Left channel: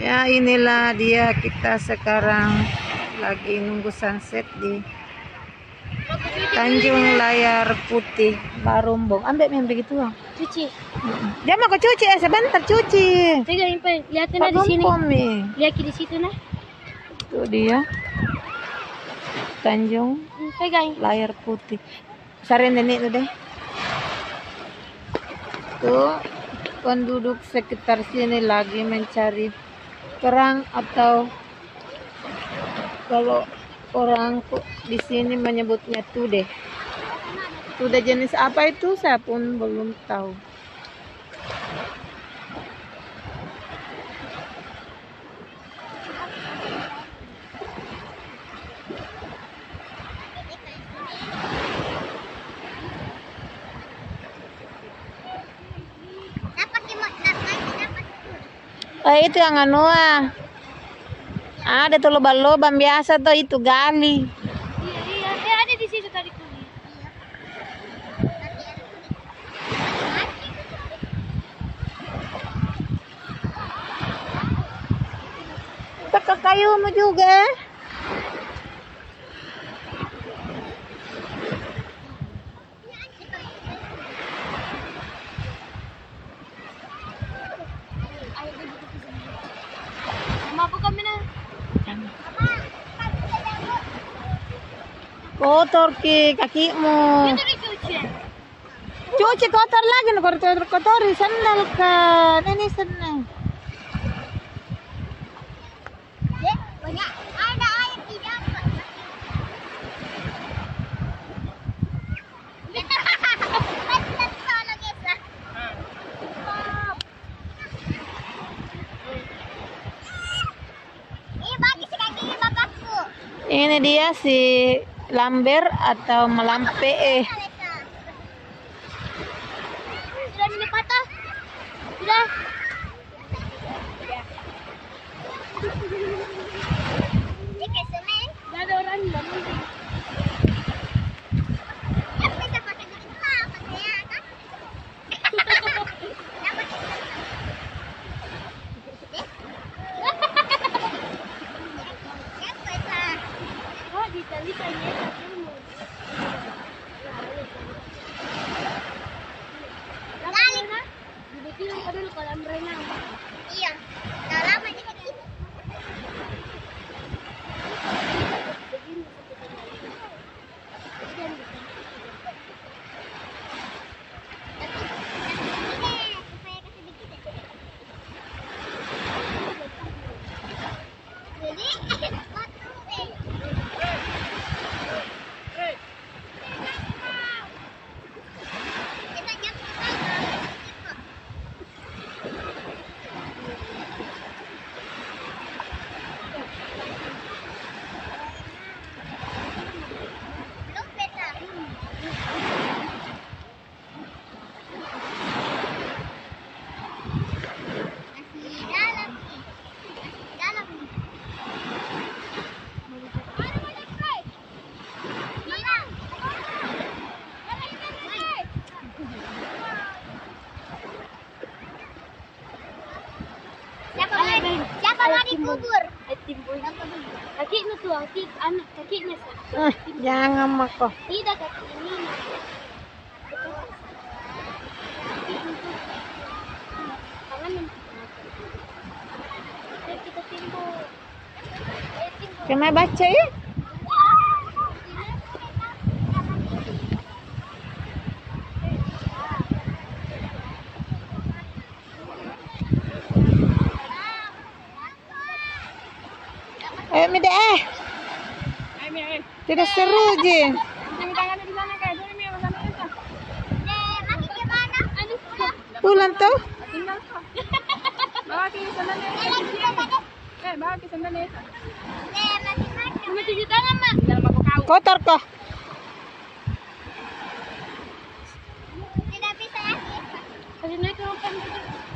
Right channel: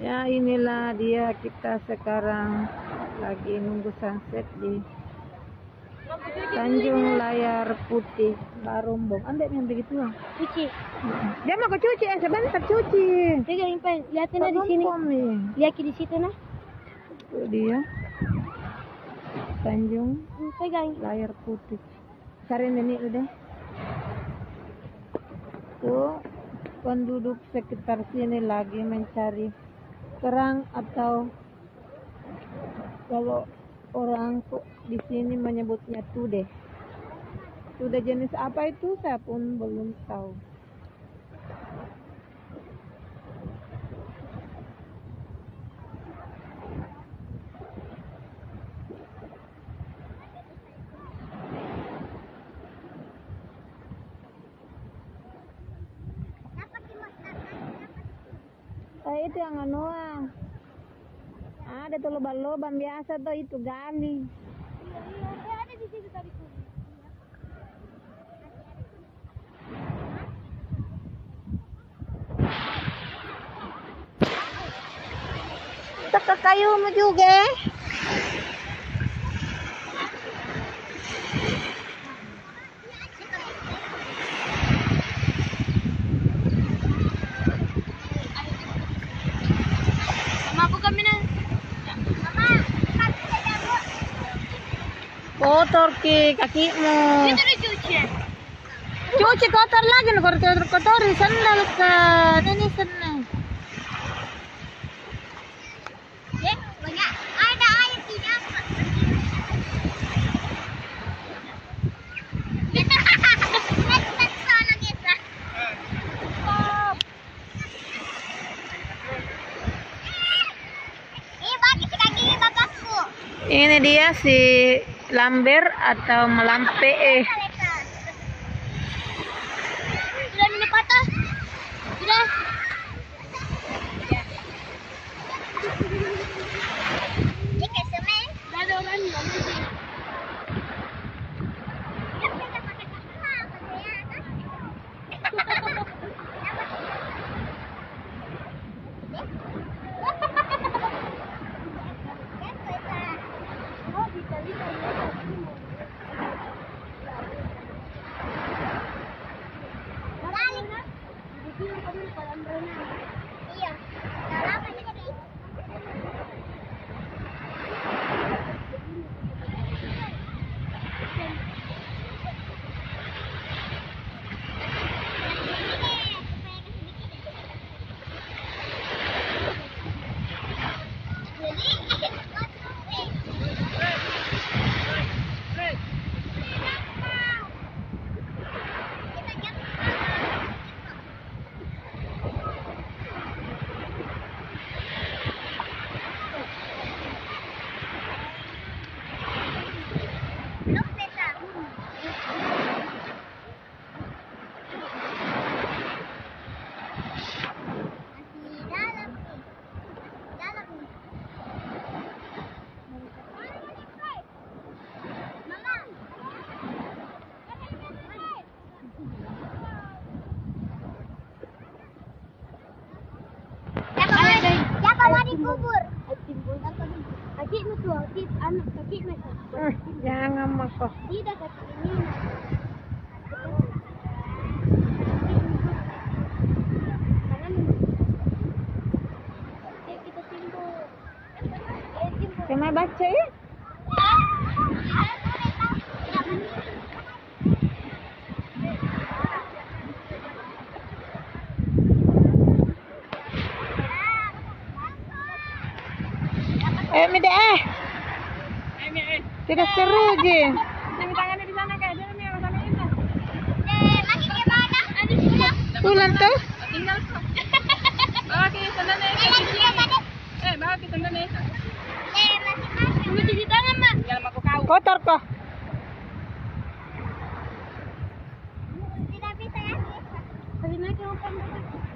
Ya, inilah dia, kita sekarang lagi nunggu sunset di Tanjung Layar Putih, Barumbung. Ambil yang begitu, Bang. Cuci. Jangan aku cuci, sebentar cuci. Pegang Impen, lihatin di sini. Lihat di situ nah. Itu dia. Tanjung Pegang. Layar Putih. Cari nenek tuh deh. Tuh, penduduk sekitar sini lagi mencari kerang, atau kalau orang di sini menyebutnya tude. Tude jenis apa itu saya pun belum tahu. Itu yang anu ada tuh lubang-lubang biasa tuh, itu gali. Iya, ada di situ tadi kulit. Kita ke kayumu juga. Kotor kakimu. Cuci kotor lagi, kotori sandal kan. Ini sana. Ada air tidak, Pak. Ini dia si lamber atau melampe. Sudah ini patah. Sudah. Ini kesemen. Sudah ada orang yang mesti. Kita pakai apa? Pakai apa? Iya. Siapa mau dikubur? Kaki itu tuh, anak kakinya sah. Jangan mako. Tidak kaki ini. Kita timbul. Kena baca ya? Ayo Mida tidak seru je. Pulang tuh. Bawa ke sandalnya. Bawa ke sandalnya. Mau cuci tangan, Mak. Jangan aku kau. Kotor kok. Tidak bisa ya. Kasih naik ke rumah.